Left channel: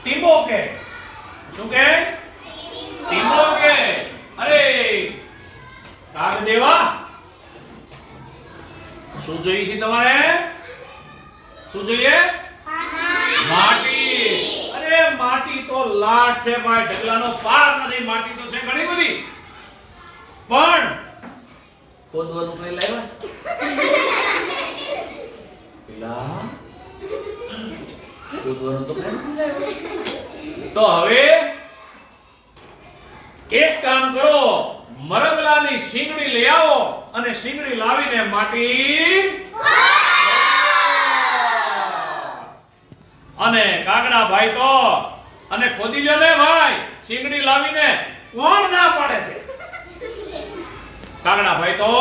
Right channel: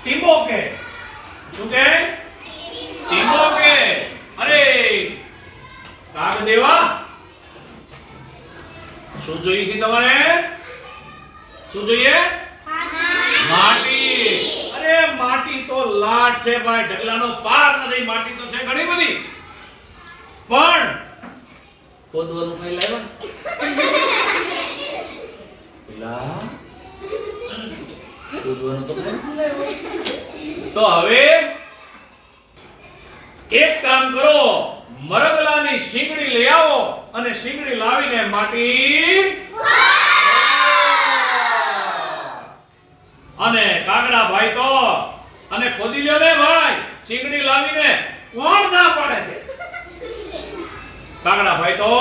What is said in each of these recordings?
ટીંબો કે શું કે ટીંબો કે અરે કાગદેવા શું જોઈએ છે તમારે શું જોઈએ માટી અરે માટી તો લાટ છે ભાઈ ઢગલાનો પાર નથી માટી તો છે ઘણી બધી પણ ખોદવાનું કઈ લાવ્યા પેલા ખોદવાનું તો કઈ નથી લાવ્યા તો હવે એક કામ કરો મરગલાની શીંગડી લઈ આવો અને શીંગડી લાવીને માટી અને કાગડા ભાઈ તો અને ખોદી લ્યો ને ભાઈ શીંગડી લાવીને કોણ ના પાડે છે કાગડા ભાઈ તો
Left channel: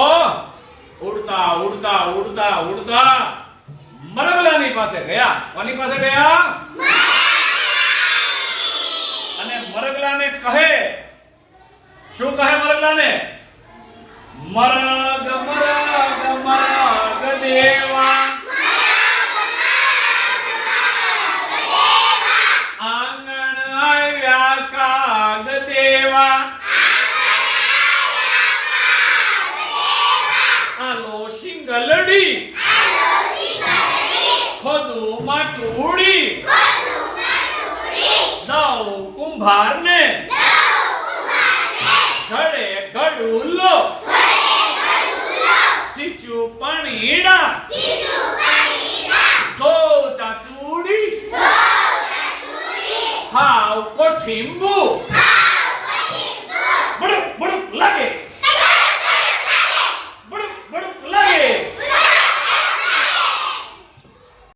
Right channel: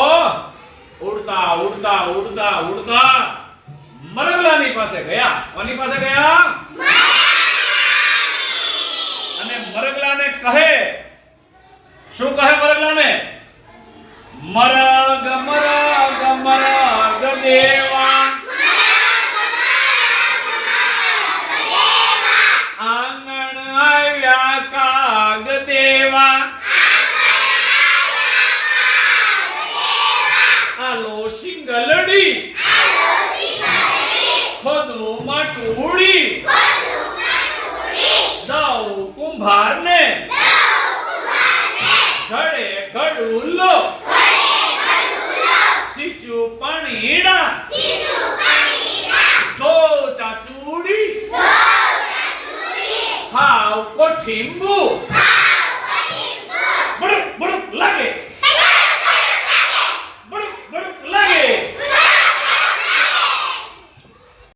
ઉડતા ઉડતા ઉડતા ઉડતા મરગલાની પાસે ગયા કોની પાસે ગયા અને મરગલાને કહે શું કહે મરગલાને મરગ મરગ મરગ દેવા આંગણ આવ્યા કાગ દેવા આલો શિંગલડી ખોદું માટુડી દઉં કુંભારને ઘડે ઘડુલો સીચું પાણીડા ધો ચાચુડી ખાવ કોઠીંબુ